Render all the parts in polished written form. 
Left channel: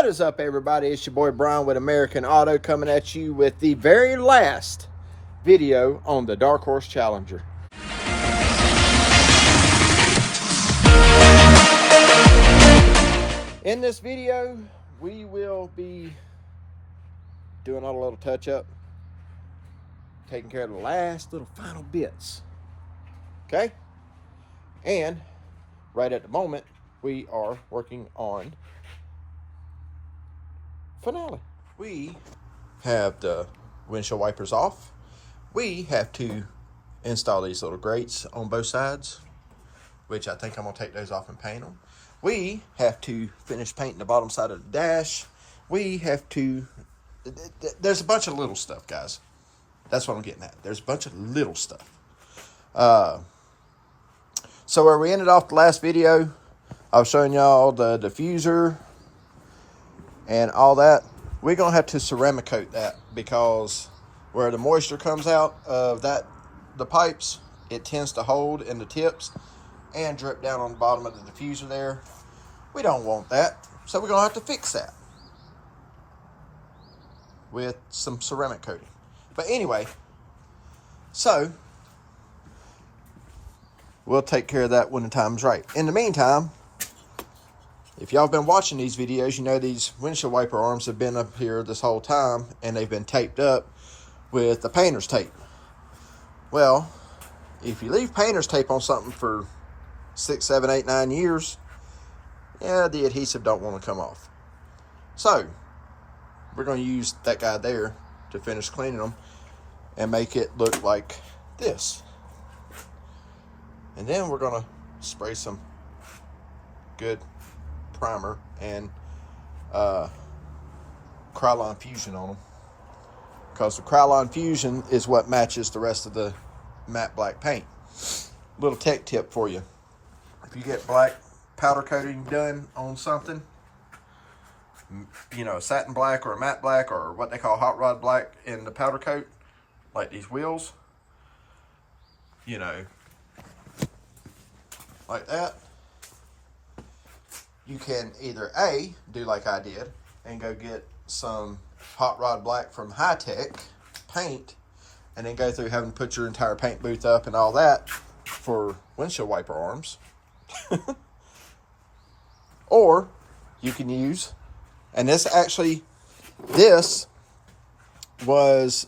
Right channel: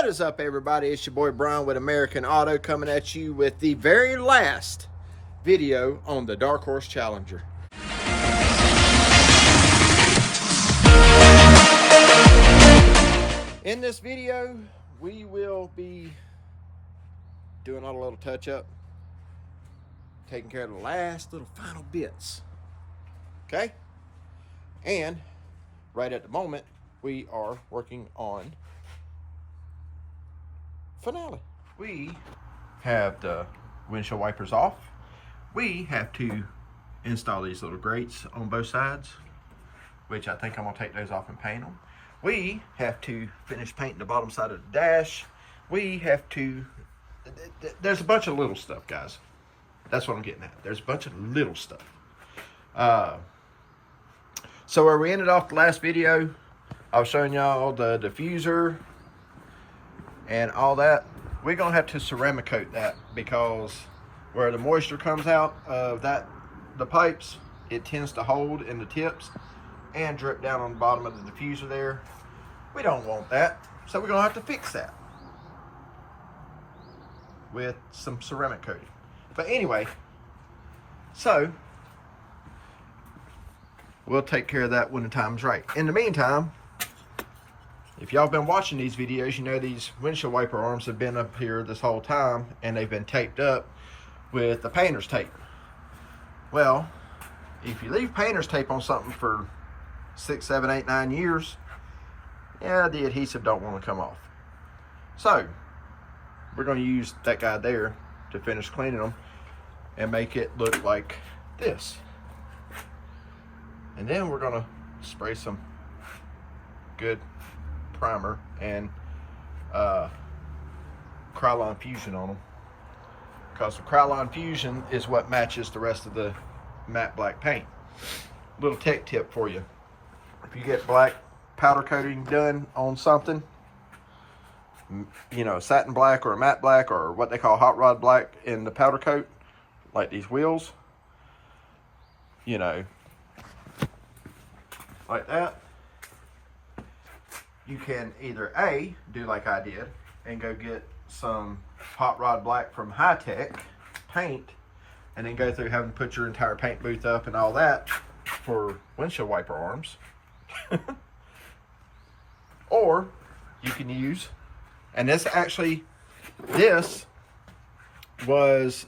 What is up, everybody? It's your boy Brian with American Auto coming at you with the very last video on the Dark Horse Challenger. In this video, we will be doing all a little touch-up, taking care of the last little final bits, okay? And right at the moment, we are working on finale. We have the windshield wipers off. We have to install these little grates on both sides, which I think I'm gonna take those off and paint them. We have to finish painting the bottom side of the dash. We have to, there's a bunch of little stuff, guys. That's what I'm getting at. There's a bunch of little stuff. So where we ended off the last video, I was showing y'all the diffuser and all that. We're gonna have to ceramic coat that because where the moisture comes out of the pipes, it tends to hold in the tips and drip down on the bottom of the diffuser there. We don't want that, so we're gonna have to fix that with some ceramic coating. But anyway, so we'll take care of that when the time's right. In the meantime, if y'all have been watching these videos, you know these windshield wiper arms have been up here this whole time and they've been taped up with the painter's tape. Well, if you leave painter's tape on something for 6, 7, 8, 9 years, yeah, the adhesive don't want to come off. So we're going to use that guy there to finish cleaning them and make it look like this. And then we're going to spray some good primer and Krylon Fusion on them, because the Krylon Fusion is what matches the rest of the matte black paint. Little tech tip for you: if you get black powder coating done on something, you know, satin black or a matte black or what they call hot rod black in the powder coat, like these wheels, you know, like that, you can either A, do like I did and go get some hot rod black from High Tech paint and then go through having to put your entire paint booth up and all that for windshield wiper arms. Or you can use, and this was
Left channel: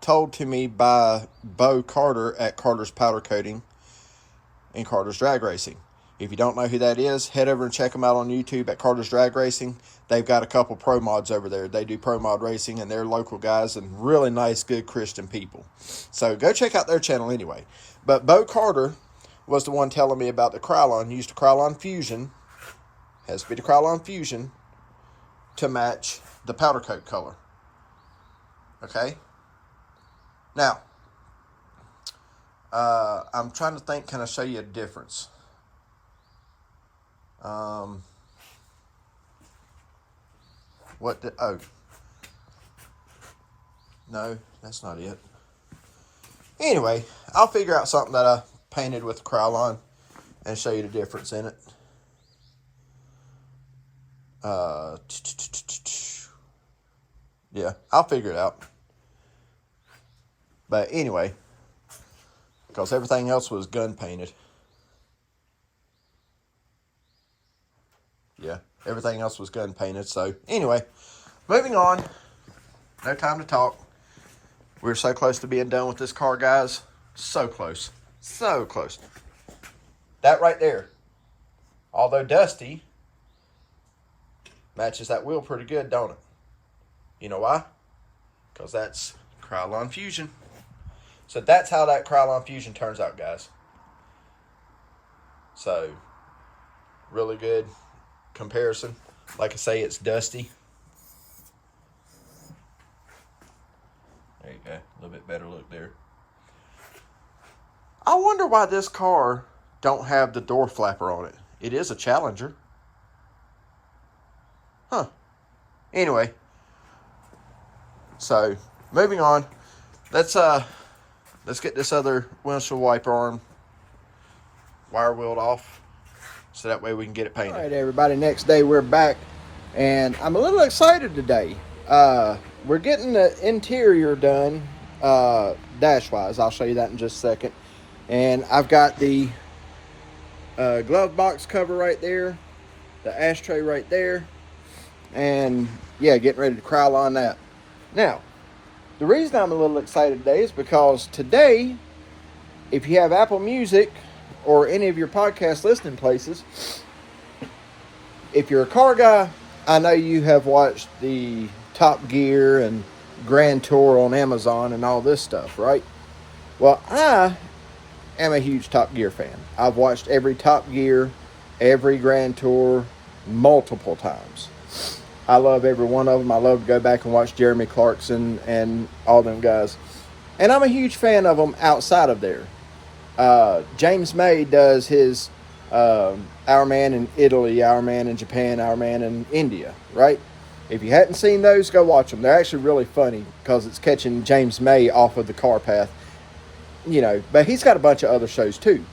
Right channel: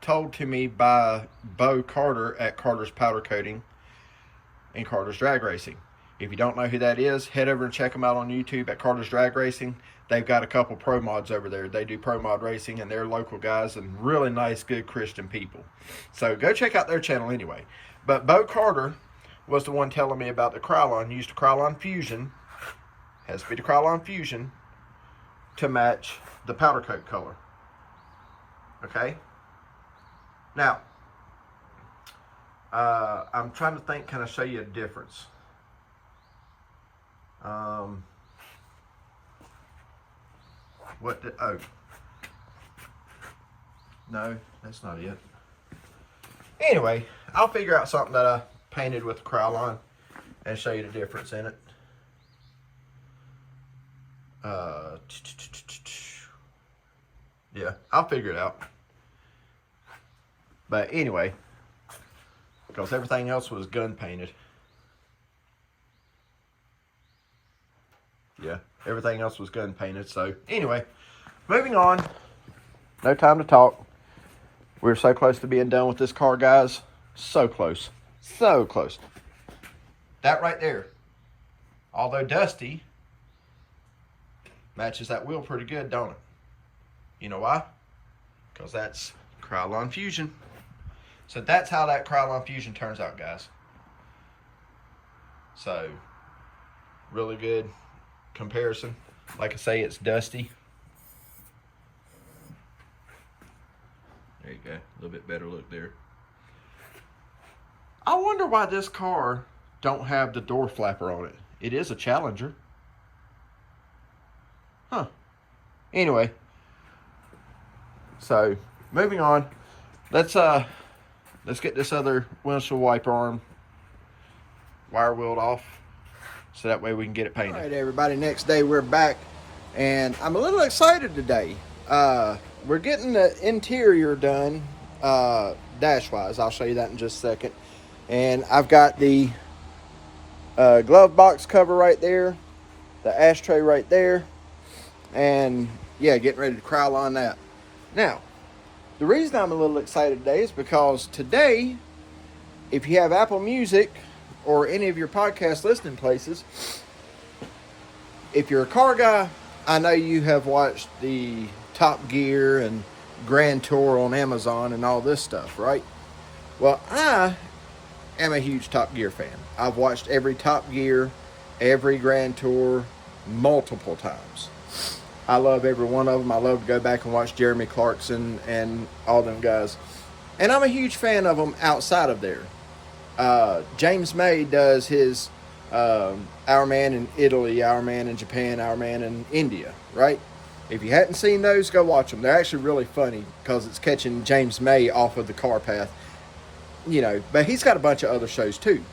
told to me by Bo Carter at Carter's Powder Coating and Carter's Drag Racing. If you don't know who that is, head over and check them out on YouTube at Carter's Drag Racing. They've got a couple pro mods over there. They do pro mod racing, and they're local guys and really nice, good Christian people. So go check out their channel anyway. But Bo Carter was the one telling me about the Krylon. Used the Krylon Fusion, has to be the Krylon Fusion, to match the powder coat color. Okay? Now, I'm trying to think, can I show you a difference? Oh, no, that's not it. Anyway, I'll figure out something that I painted with Krylon and show you the difference in it. Yeah, I'll figure it out. But anyway, because everything else was gun painted. Yeah, everything else was gun painted. So anyway, moving on. No time to talk. We're so close to being done with this car, guys. So close. So close. That right there, although dusty, matches that wheel pretty good, don't it? You know why? Because that's Krylon Fusion. So that's how that Krylon Fusion turns out, guys. So, really good comparison. Like I say, it's dusty. There you go. A little bit better look there. I wonder why this car don't have the door flapper on it. It is a Challenger. Huh. Anyway. So, moving on. Let's get this other windshield wiper arm wire wheeled off, so that way we can get it painted. All right, everybody, next day we're back And I'm a little excited today. We're getting the interior done, dash-wise. I'll show you that in just a second. And I've got the glove box cover right there, the ashtray right there, and yeah, getting ready to crowd on that. Now, the reason I'm a little excited today is because today, if you have Apple Music or any of your podcast listening places, if you're a car guy, I know you have watched the Top Gear and Grand Tour on Amazon and all this stuff, right? Well, I am a huge Top Gear fan. I've watched every Top Gear, every Grand Tour multiple times. I love every one of them. I love to go back and watch Jeremy Clarkson and all them guys. And I'm a huge fan of them outside of there. James May does his Our Man in Italy, Our Man in Japan, Our Man in India, right? If you hadn't seen those, go watch them. They're actually really funny because it's catching James May off of the car path. You know, but he's got a bunch of other shows too.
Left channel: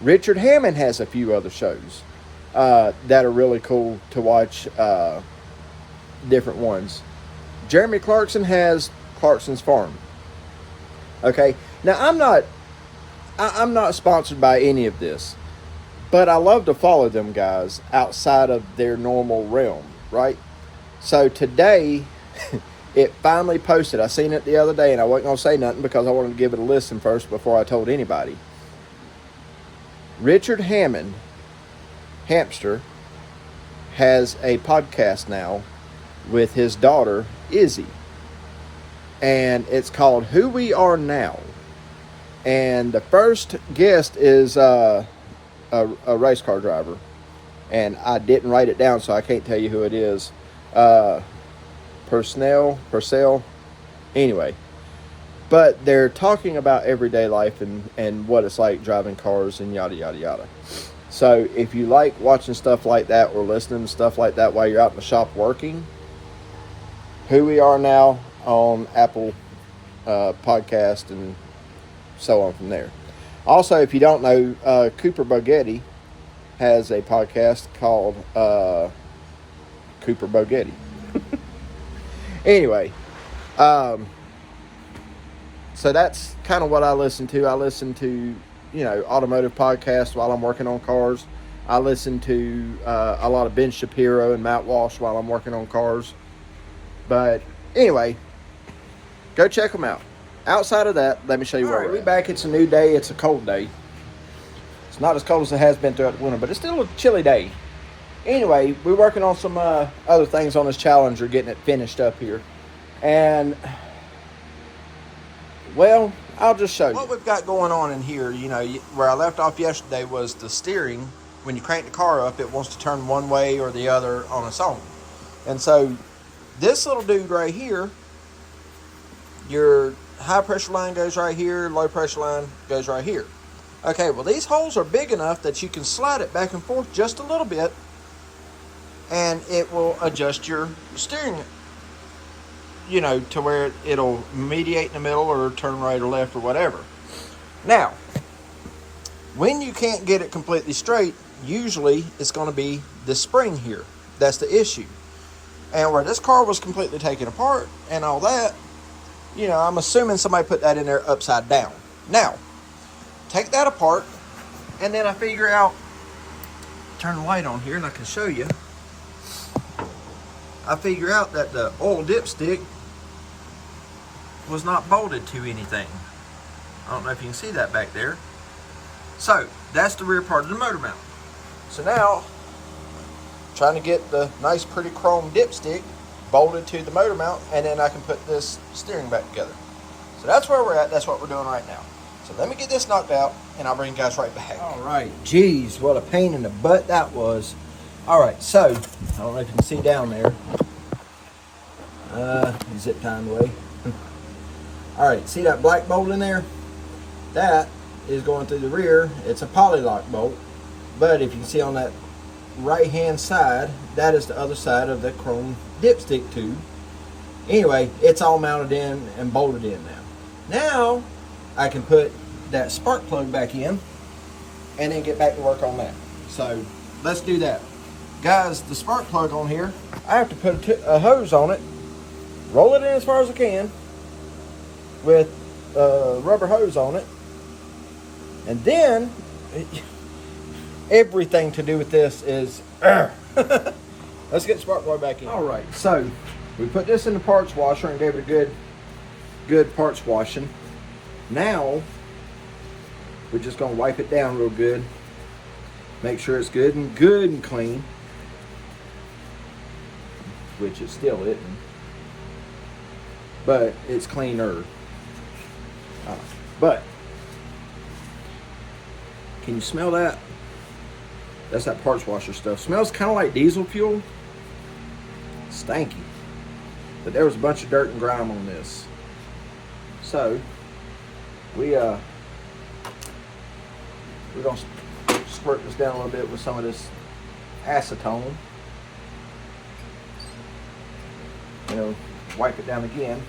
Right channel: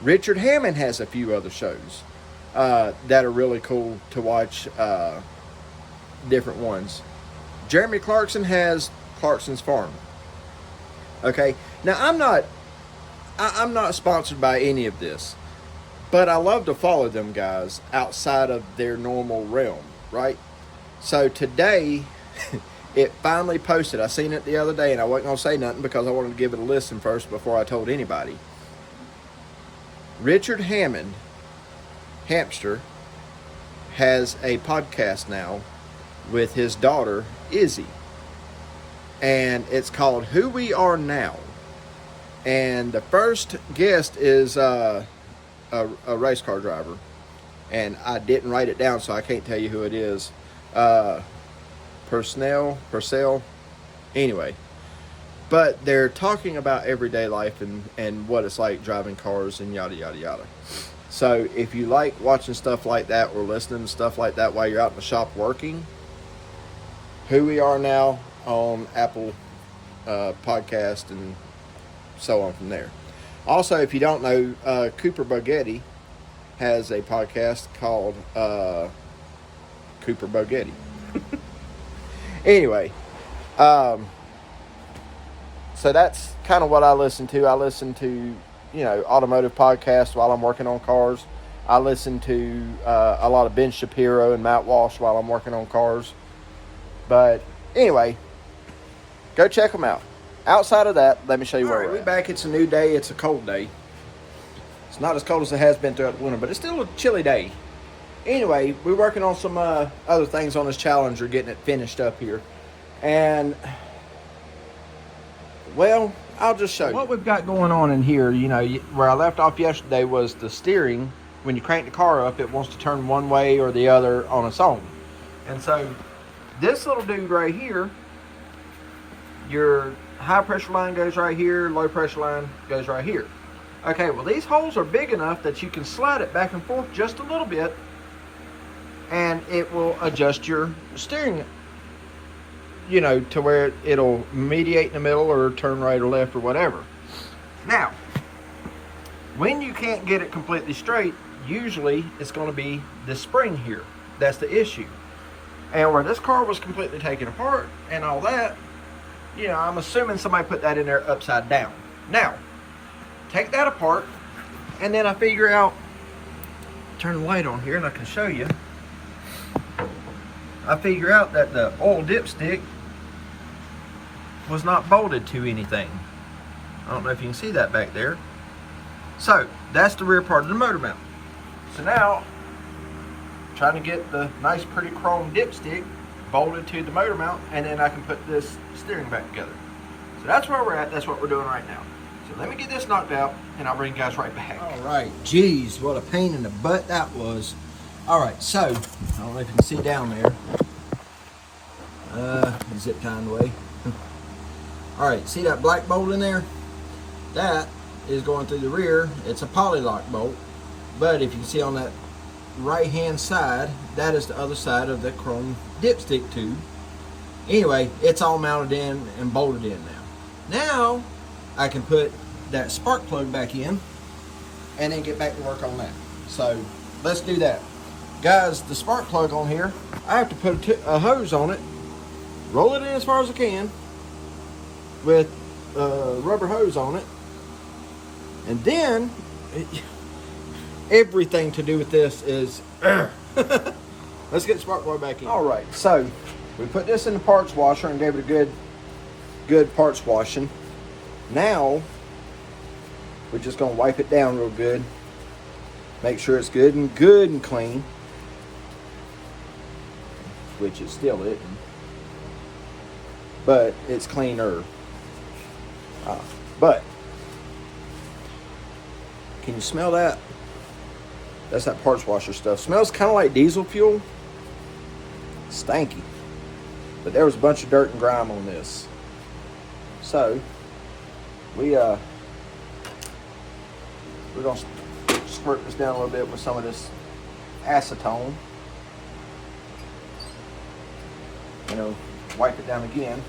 Richard Hammond has a few other shows that are really cool to watch, different ones. Jeremy Clarkson has Clarkson's Farm. Okay, now I'm not sponsored by any of this, but I love to follow them guys outside of their normal realm, right? So today, it finally posted. I seen it the other day, and I wasn't going to say nothing because I wanted to give it a listen first before I told anybody. Richard Hammond, Hamster, has a podcast now with his daughter, Izzy. And it's called Who We Are Now. And the first guest is a race car driver. And I didn't write it down, so I can't tell you who it is. Purcell. Anyway. But they're talking about everyday life and what it's like driving cars and yada, yada, yada. So if you like watching stuff like that or listening to stuff like that while you're out in the shop working, Who We Are Now on Apple Podcast and so on from there. Also, if you don't know, Cooper Bogetti has a podcast called Cooper Bogetti. Anyway, so that's kind of what I listen to. I listen to, automotive podcasts while I'm working on cars. I listen to a lot of Ben Shapiro and Matt Walsh while I'm working on cars. But anyway, go check them out. Outside of that, let me show you where we're back. It's a new day. It's a cold day. It's not as cold as it has been throughout the winter, but it's still a chilly day. Anyway, we're working on some other things on this Challenger, getting it finished up here. And, well, I'll just show you. What we've got going on in here, where I left off yesterday was the steering. When you crank the car up, it wants to turn one way or the other on its own. And so, this little dude right here, your high pressure line goes right here, low pressure line goes right here. Okay, well, these holes are big enough that you can slide it back and forth just a little bit, and it will adjust your steering, to where it'll mediate in the middle or turn right or left or whatever. Now, when you can't get it completely straight, usually it's going to be the spring here. That's the issue. And where this car was completely taken apart and all that, I'm assuming somebody put that in there upside down. Now, take that apart, and then I figure out, turn the light on here and I can show you. I figure out that the oil dipstick was not bolted to anything. I don't know if you can see that back there. So, that's the rear part of the motor mount. So now, trying to get the nice pretty chrome dipstick bolted to the motor mount, and then I can put this steering back together. So that's where we're at. That's what we're doing right now. So let me get this knocked out, and I'll bring you guys right back. All right. Geez, what a pain in the butt that was. All right, so I don't know if you can see down there. Zip tying away. All right, see that black bolt in there? That is going through the rear. It's a poly-lock bolt, but if you can see on that right hand side, that is the other side of the chrome dipstick tube. Anyway, it's all mounted in and bolted in now I can put that spark plug back in and then get back to work on that. So let's do that. Guys, the spark plug on here, I have to put a hose on it, roll it in as far as I can with a rubber hose on it, and then everything to do with this is let's get the spark plug back in. All right, so we put this in the parts washer and gave it a good parts washing. Now we're just gonna wipe it down real good, make sure it's good and clean, which it still isn't, but it's cleaner. But can you smell that? That's that parts washer stuff. Smells kind of like diesel fuel. Stanky. But there was a bunch of dirt and grime on this. So we're gonna squirt this down a little bit with some of this acetone. You know, wipe it down again.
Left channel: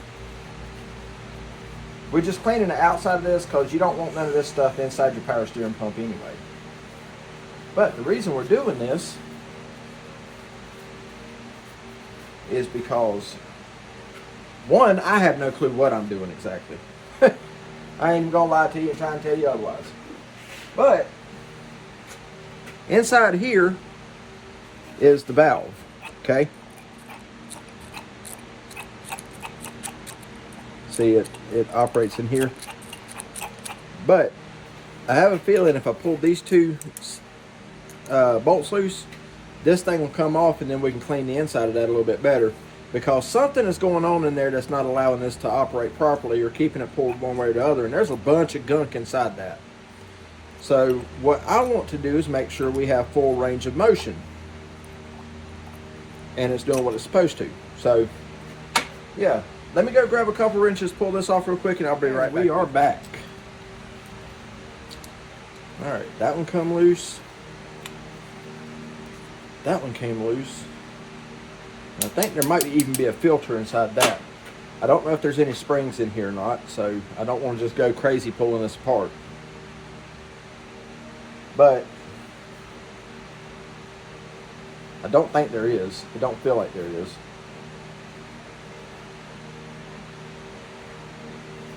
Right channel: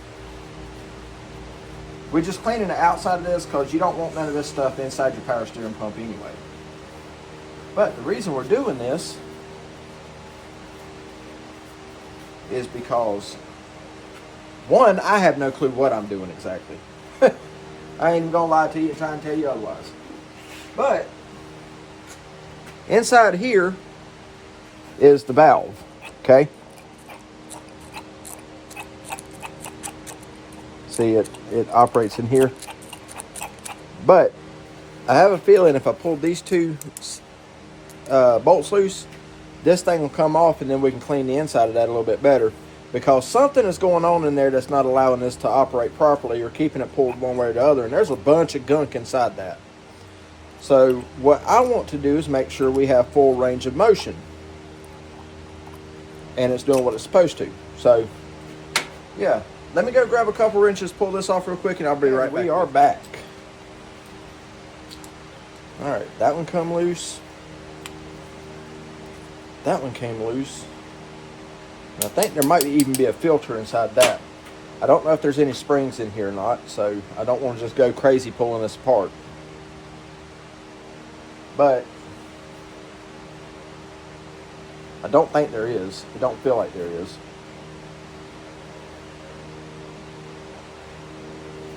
We're just cleaning the outside of this because you don't want none of this stuff inside your power steering pump anyway. But the reason we're doing this is because, one, I have no clue what I'm doing exactly. I ain't even gonna lie to you and try and tell you otherwise. But inside here is the valve, okay? See, it operates in here. But I have a feeling if I pull these two bolts loose, this thing will come off and then we can clean the inside of that a little bit better, because something is going on in there that's not allowing this to operate properly or keeping it pulled one way or the other, and there's a bunch of gunk inside that. So what I want to do is make sure we have full range of motion and it's doing what it's supposed to. So yeah, let me go grab a couple wrenches, pull this off real quick, and I'll be right back. We are back. All right, that one come loose. That one came loose. And I think there might even be a filter inside that. I don't know if there's any springs in here or not, so I don't want to just go crazy pulling this apart. But I don't think there is. It don't feel like there is.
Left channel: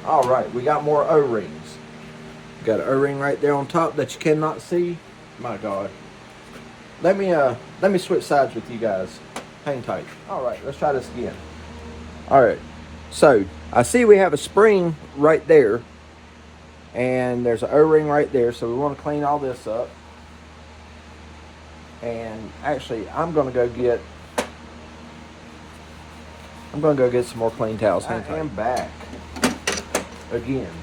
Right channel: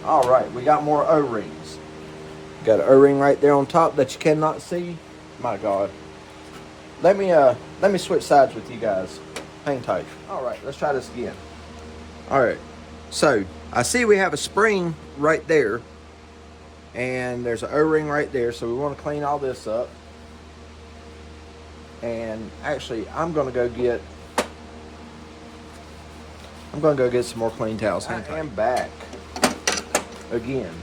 All right, we got more O-rings. Got an O-ring right there on top that you cannot see. My God. Let me switch sides with you guys. Hang tight. All right, let's try this again. All right, so I see we have a spring right there, and there's an O-ring right there, so we want to clean all this up. And actually, I'm gonna go get some more clean towels. Hang tight. I am back again.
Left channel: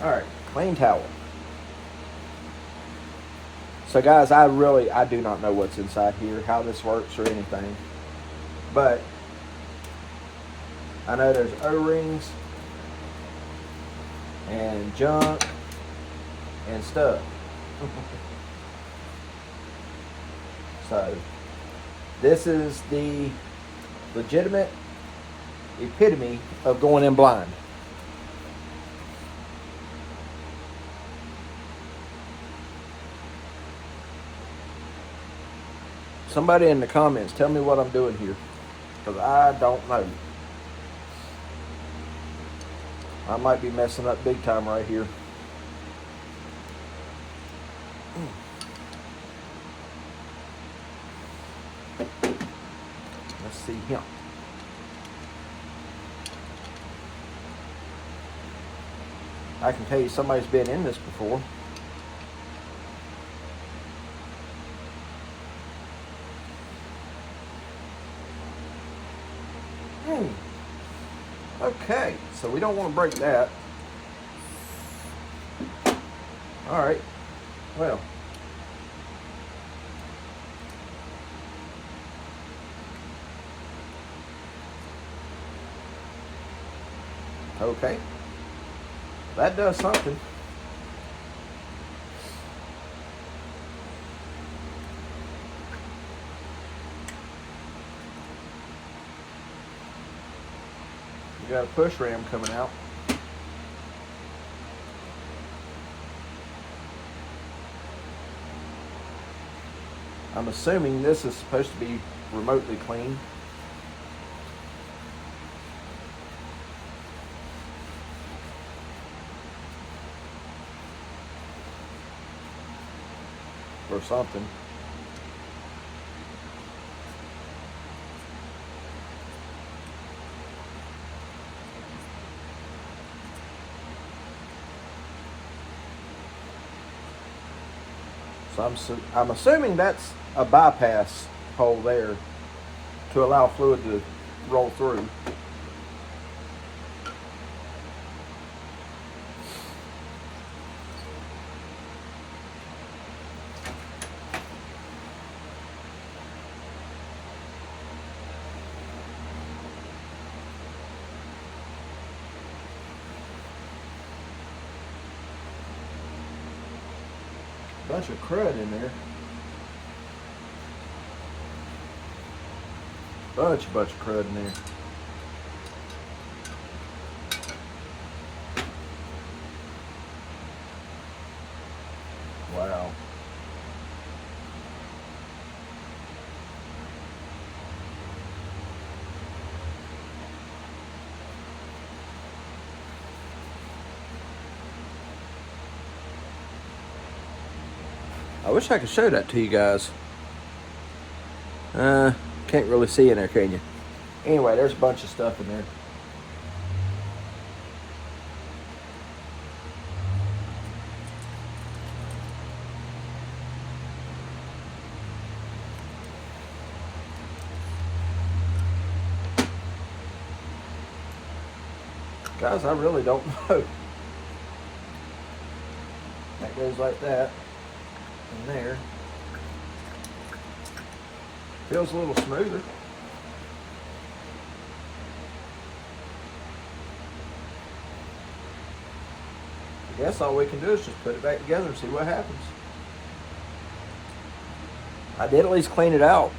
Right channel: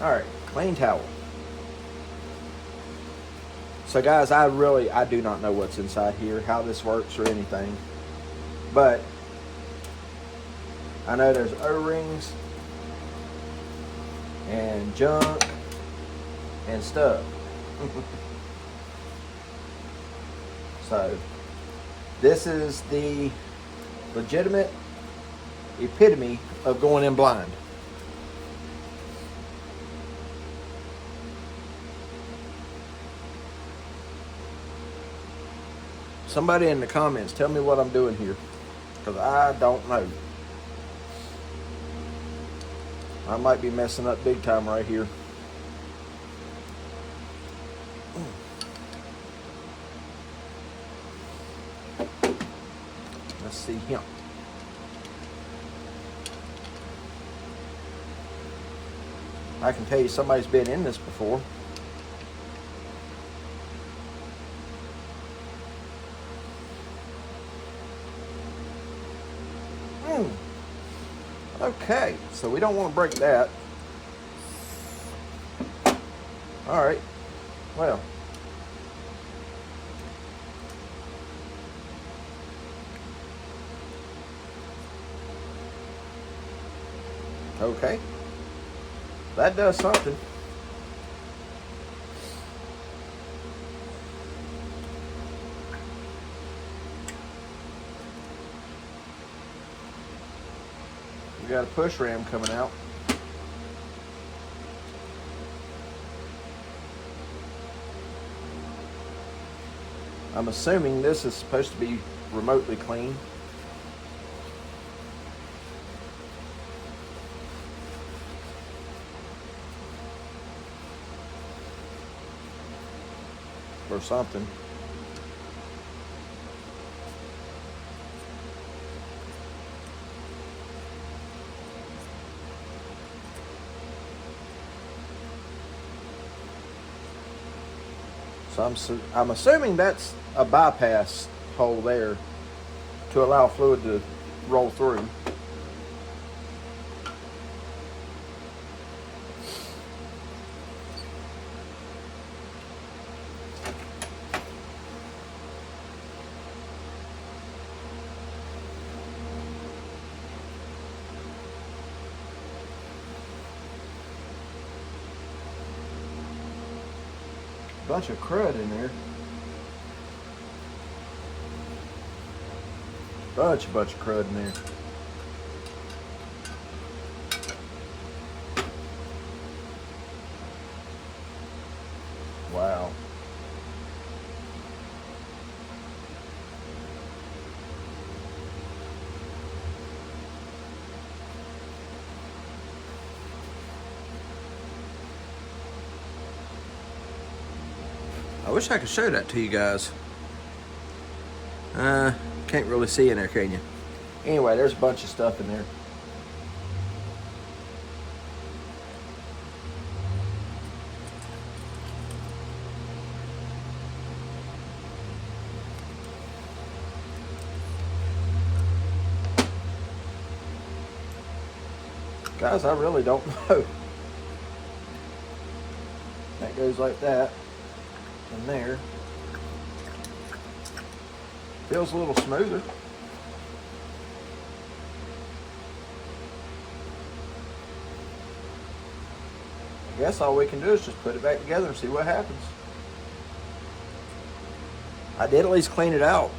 All right, clean towel. So guys, I do not know what's inside here, how this works or anything, but I know there's O-rings and junk and stuff. So this is the legitimate epitome of going in blind. Somebody in the comments, tell me what I'm doing here, because I don't know. I might be messing up big time right here. Let's see him. I can tell you somebody's been in this before. Okay, so we don't want to break that. All right, well. Okay, that does something. We got a push ram coming out. I'm assuming this is supposed to be remotely clean. Or something. So I'm assuming that's a bypass hole there to allow fluid to roll through. Bunch of crud in there. Bunch of crud in there. Wow. I wish I could show that to you guys. Can't really see in there, can you? Anyway, there's a bunch of stuff in there. Guys, I really don't know. That goes like that. And there. Feels a little smoother. I guess all we can do is just put it back together and see what happens. I did at least clean it out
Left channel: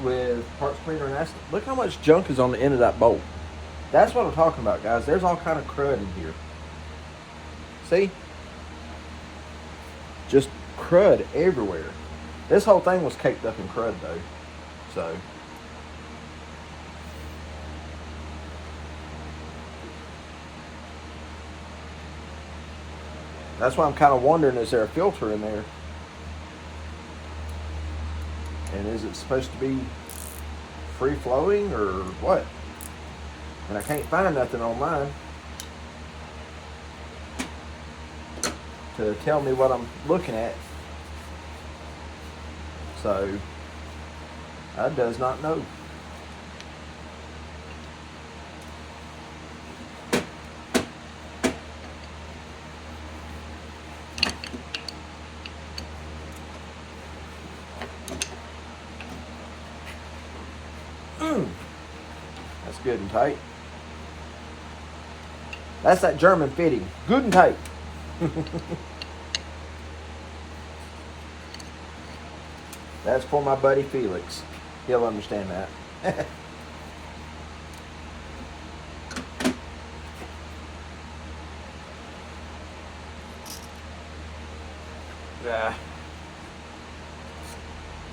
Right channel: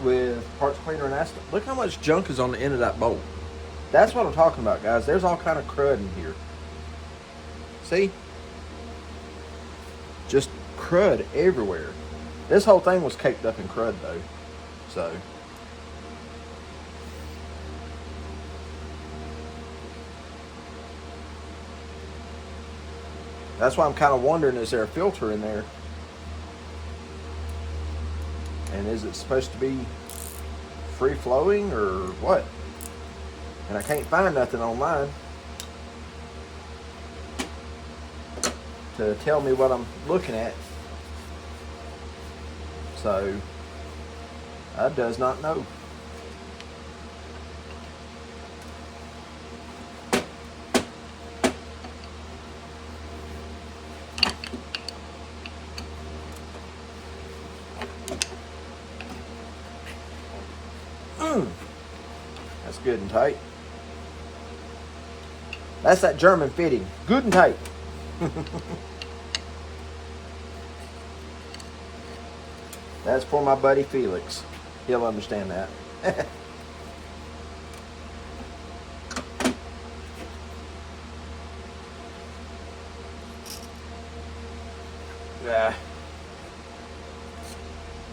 with parts cleaner and acid. Look how much junk is on the end of that bolt. That's what I'm talking about, guys. There's all kind of crud in here. See? Just crud everywhere. This whole thing was caked up in crud though. So that's why I'm kind of wondering, is there a filter in there? And is it supposed to be free flowing or what? And I can't find nothing online to tell me what I'm looking at. So I does not know. That's good and tight. That's that German fitting. Good and tight. That's for my buddy Felix. He'll understand that.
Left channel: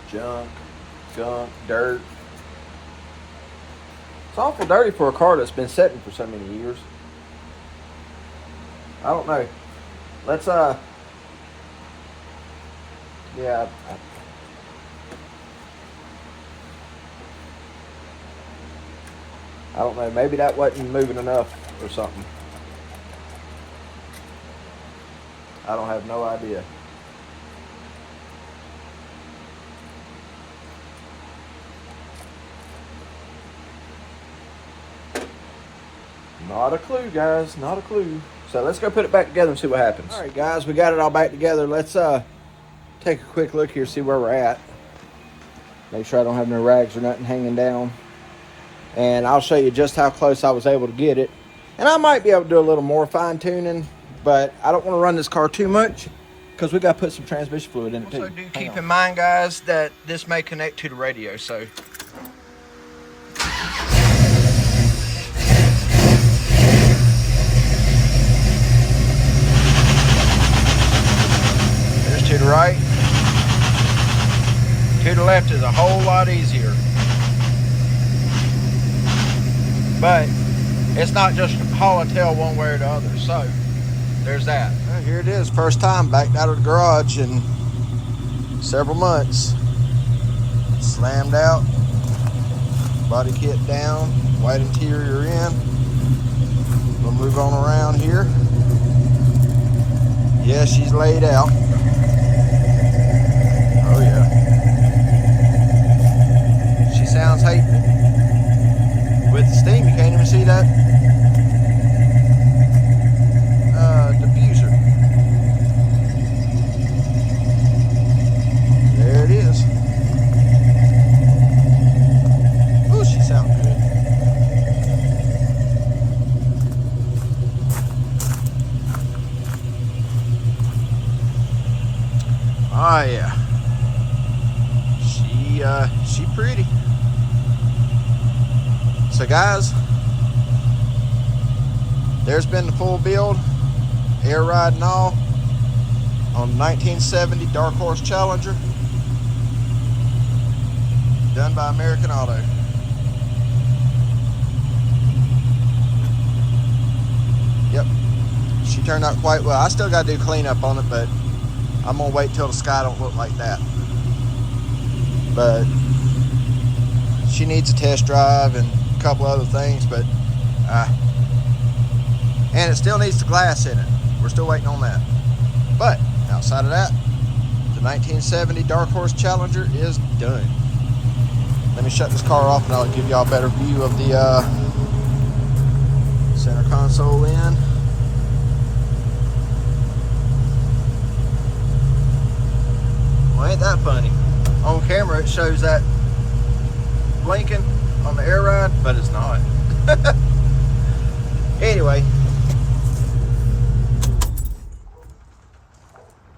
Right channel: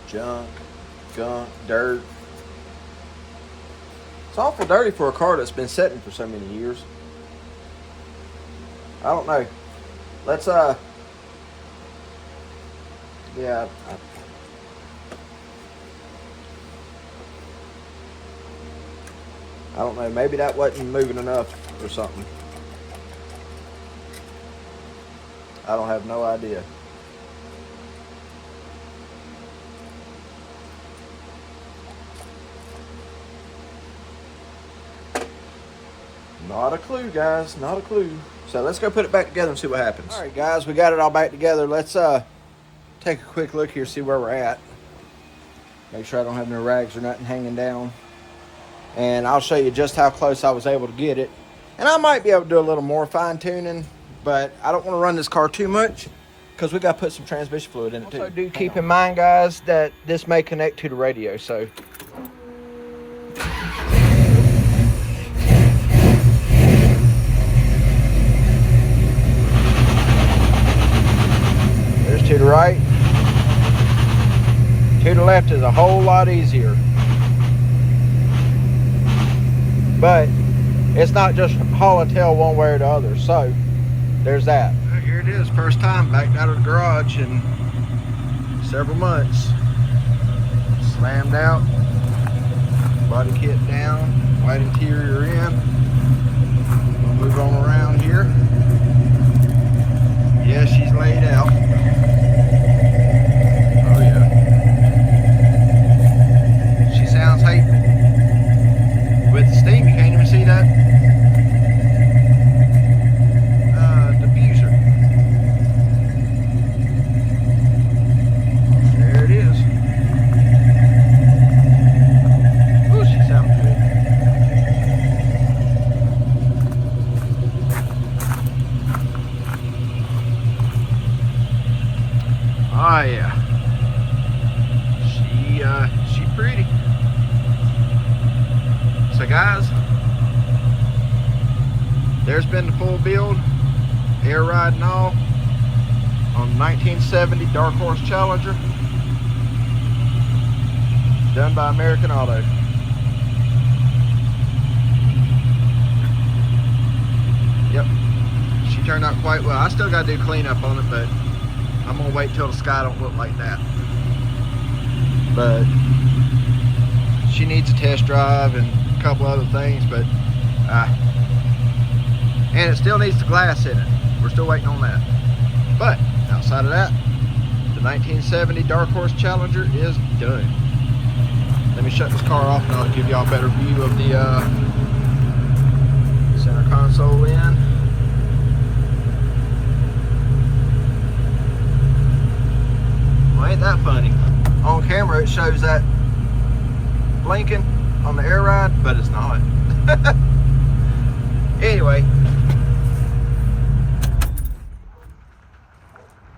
Junk, gunk, dirt. It's awful dirty for a car that's been sitting for so many years. I don't know. Let's yeah, I don't know. Maybe that wasn't moving enough or something. I don't have no idea. Not a clue, guys. Not a clue. So let's go put it back together and see what happens. All right, guys. We got it all back together. Let's take a quick look here, see where we're at. Make sure I don't have no rags or nothing hanging down. And I'll show you just how close I was able to get it. And I might be able to do a little more fine tuning, but I don't want to run this car too much because we got to put some transmission fluid in it too. Also do keep in mind, guys, that this may connect to the radio, so. There's to the right, to To the left is a whole lot easier. But it's not just haul and tail one way or the other. So there's that. Well, here it is, first time back out of the garage in several months. Slammed out, body kit down, white interior in. We'll move on around here. Yeah, she's laid out. Oh yeah. She sounds hateful. With the steam, you can't even see that diffuser. There it is. Oh, she sounds good. Oh yeah. She pretty. So guys, there's been the full build, air ride and all, on the 1970 Dark Horse Challenger, done by American Auto. Yep, she turned out quite well. I still got to do cleanup on it, but I'm gonna wait till the sky don't look like that. But she needs a test drive and a couple other things, but and it still needs the glass in it. We're still waiting on that. But outside of that, the 1970 Dark Horse Challenger is done. Let me shut this car off and I'll give y'all a better view of the center console in. Well, ain't that funny? On camera it shows that blinking on the air ride, but it's not. Anyway,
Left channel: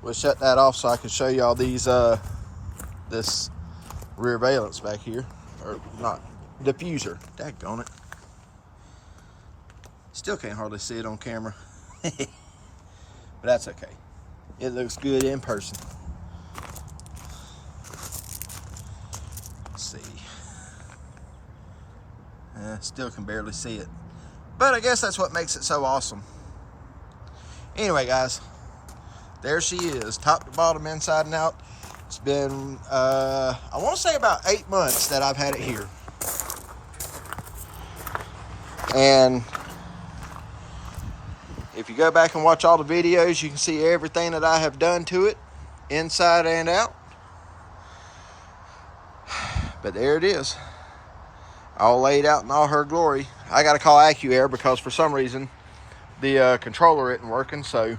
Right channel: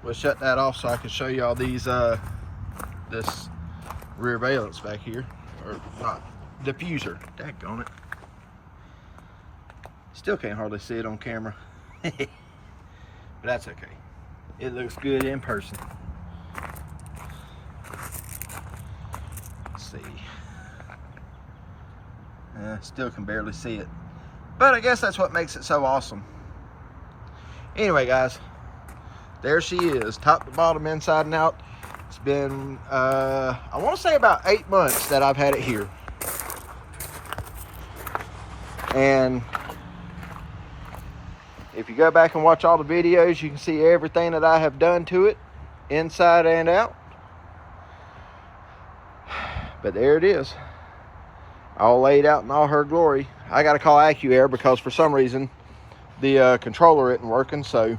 we'll shut that off so I can show y'all these this rear valence back here, or not, diffuser. Daggone it. Still can't hardly see it on camera. But that's okay. It looks good in person. Let's see. Still can barely see it. But I guess that's what makes it so awesome. Anyway, guys, there she is, top to bottom, inside and out. It's been, I want to say about 8 months that I've had it here. And if you go back and watch all the videos, you can see everything that I have done to it, inside and out. But there it is, all laid out in all her glory. I got to call AccuAir because for some reason the controller isn't working, so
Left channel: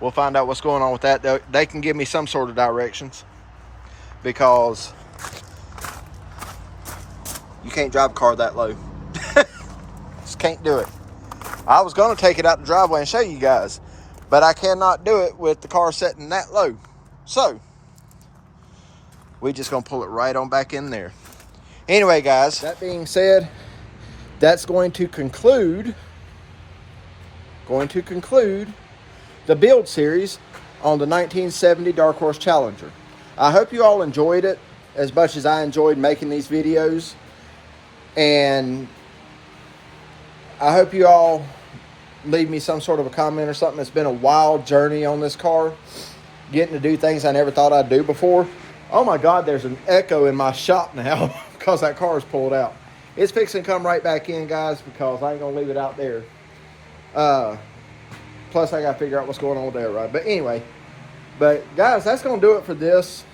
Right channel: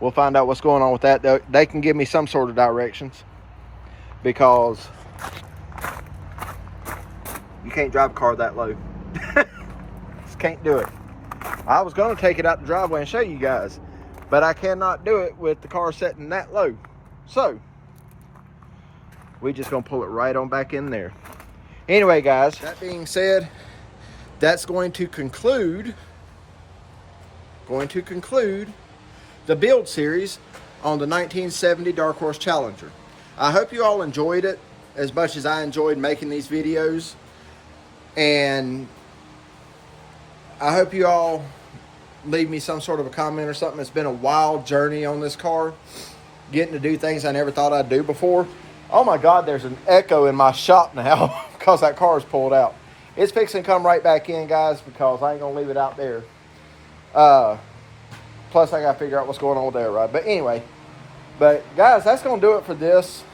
we'll find out what's going on with that. They can give me some sort of directions, because you can't drive a car that low. Just can't do it. I was going to take it out the driveway and show you guys, but I cannot do it with the car sitting that low. So we just going to pull it right on back in there. Anyway, guys, that being said, that's going to conclude the build series on the 1970 Dark Horse Challenger. I hope you all enjoyed it as much as I enjoyed making these videos, and I hope you all leave me some sort of a comment or something. It's been a wild journey on this car, getting to do things I never thought I'd do before. Oh my God, there's an echo in my shop now because that car is pulled out. It's fixing to come right back in, guys, because I ain't gonna leave it out there. Plus I gotta figure out what's going on with the air ride. But anyway, guys, that's gonna do it for this.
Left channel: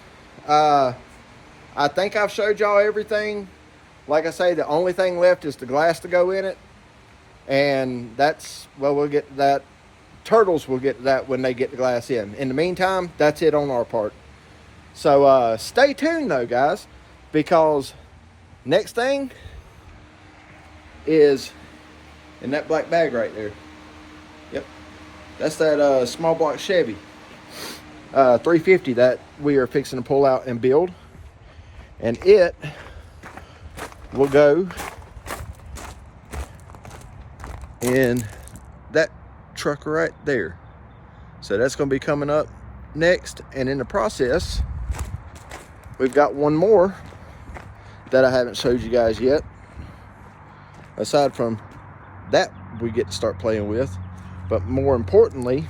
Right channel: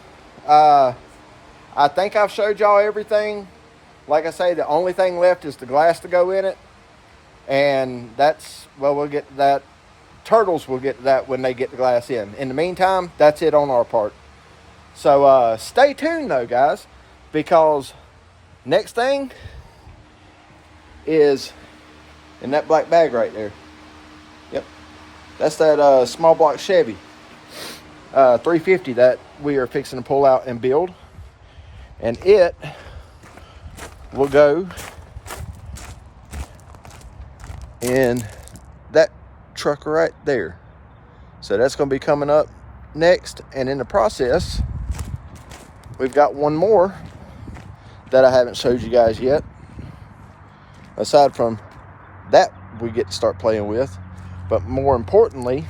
I think I've showed y'all everything. Like I say, the only thing left is the glass to go in it. And that's, well, we'll get to that. Turtles will get to that when they get the glass in. In the meantime, that's it on our part. So stay tuned though, guys, because next thing is in that black bag right there. Yep, that's that small block Chevy 350 that we are fixing to pull out and build, and it will go in that truck right there. So that's going to be coming up next, and in the process we've got one more that I haven't showed you guys yet. Aside from that, we get to start playing with. But more importantly,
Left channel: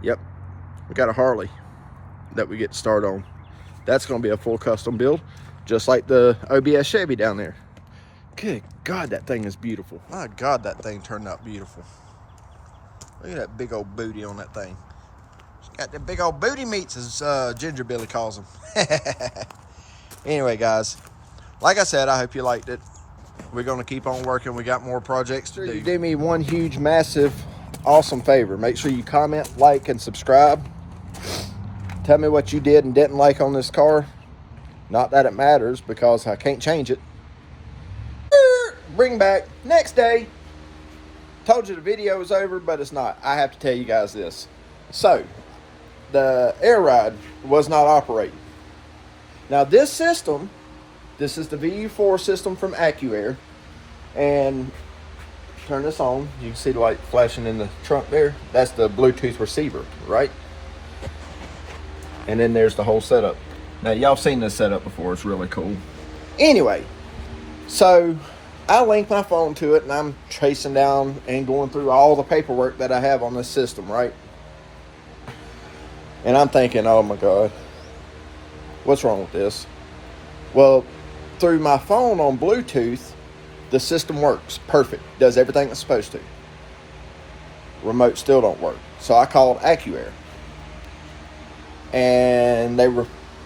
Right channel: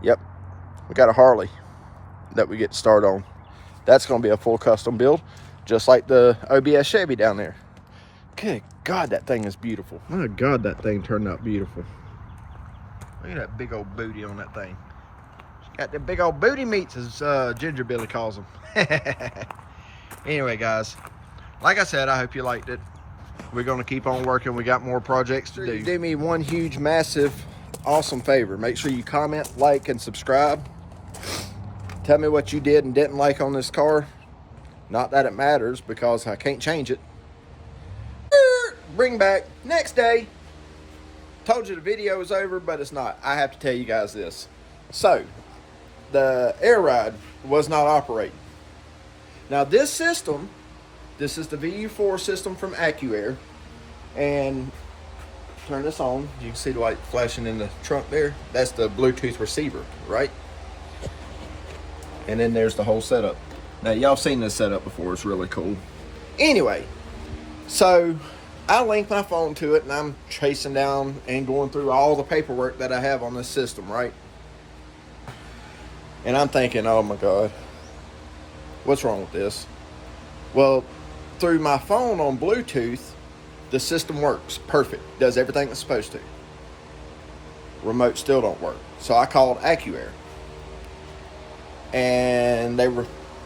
yep, we got a Harley that we get to start on. That's going to be a full custom build, just like the OBS Chevy down there. Good God, that thing is beautiful. My God, that thing turned out beautiful. Look at that big old booty on that thing. She got the big old booty meats, as Ginger Billy calls them. Anyway, guys, like I said, I hope you liked it. We're going to keep on working. We got more projects to do. Do me one huge, massive, awesome favor. Make sure you comment, like, and subscribe. Tell me what you did and didn't like on this car. Not that it matters, because I can't change it. Bring back next day. Told you the video was over, but it's not. I have to tell you guys this. So, the air ride was not operating. Now this system, this is the VU4 system from AccuAir, and turn this on. You can see the light flashing in the trunk there. That's the Bluetooth receiver, right? And then there's the whole setup. Now y'all seen this setup before. It's really cool. Anyway, so I link my phone to it, and I'm chasing down and going through all the paperwork that I have on this system, right? And I'm thinking, oh my God, what's wrong with this? Well, through my phone on Bluetooth, the system works perfect, does everything it's supposed to. Remote still don't work. So I called AccuAir, and they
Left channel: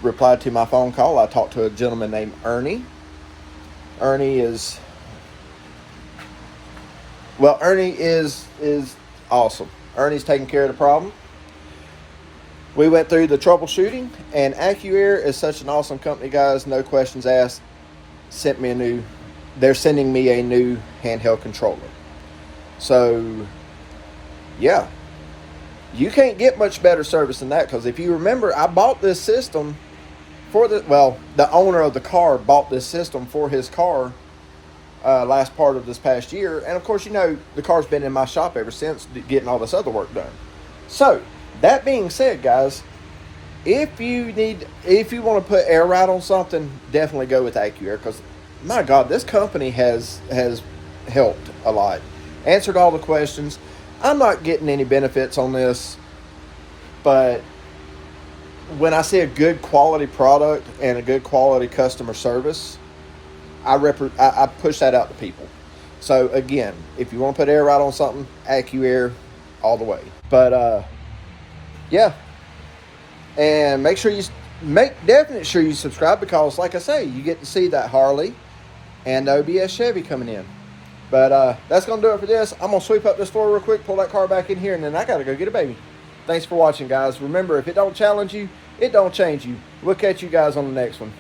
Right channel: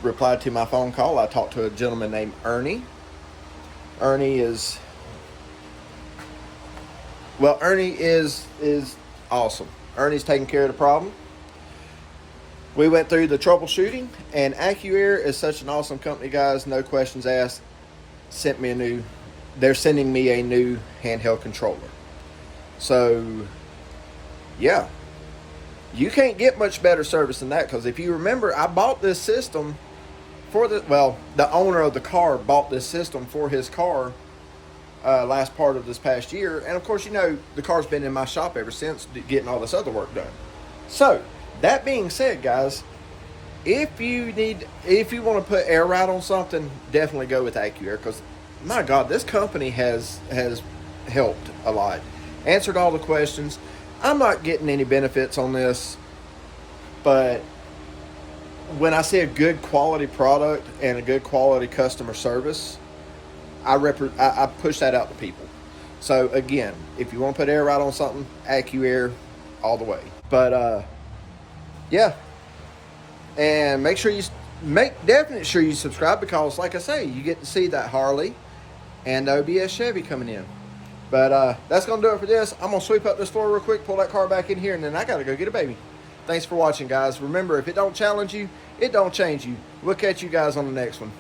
replied to my phone call. I talked to a gentleman named Ernie. Ernie is awesome. Ernie's taking care of the problem. We went through the troubleshooting, and AccuAir is such an awesome company, guys. No questions asked. They're sending me a new handheld controller. So, yeah. You can't get much better service than that, because if you remember, I bought this system for the owner of the car bought this system for his car last part of this past year. And of course, you know, the car's been in my shop ever since, getting all this other work done. So, that being said, guys, if you want to put air ride on something, definitely go with AccuAir, because my God, this company has helped a lot, answered all the questions. I'm not getting any benefits on this, but when I see a good quality product and a good quality customer service, I push that out to people. So again, if you want to put air ride on something, AccuAir all the way. But yeah, and make definitely sure you subscribe, because like I say, you get to see that Harley and the OBS Chevy coming in. But that's gonna do it for this. I'm gonna sweep up this floor real quick, pull that car back in here, and then I gotta go get a baby. Thanks for watching, guys. Remember, if it don't challenge you, it don't change you. We'll catch you guys on the next one.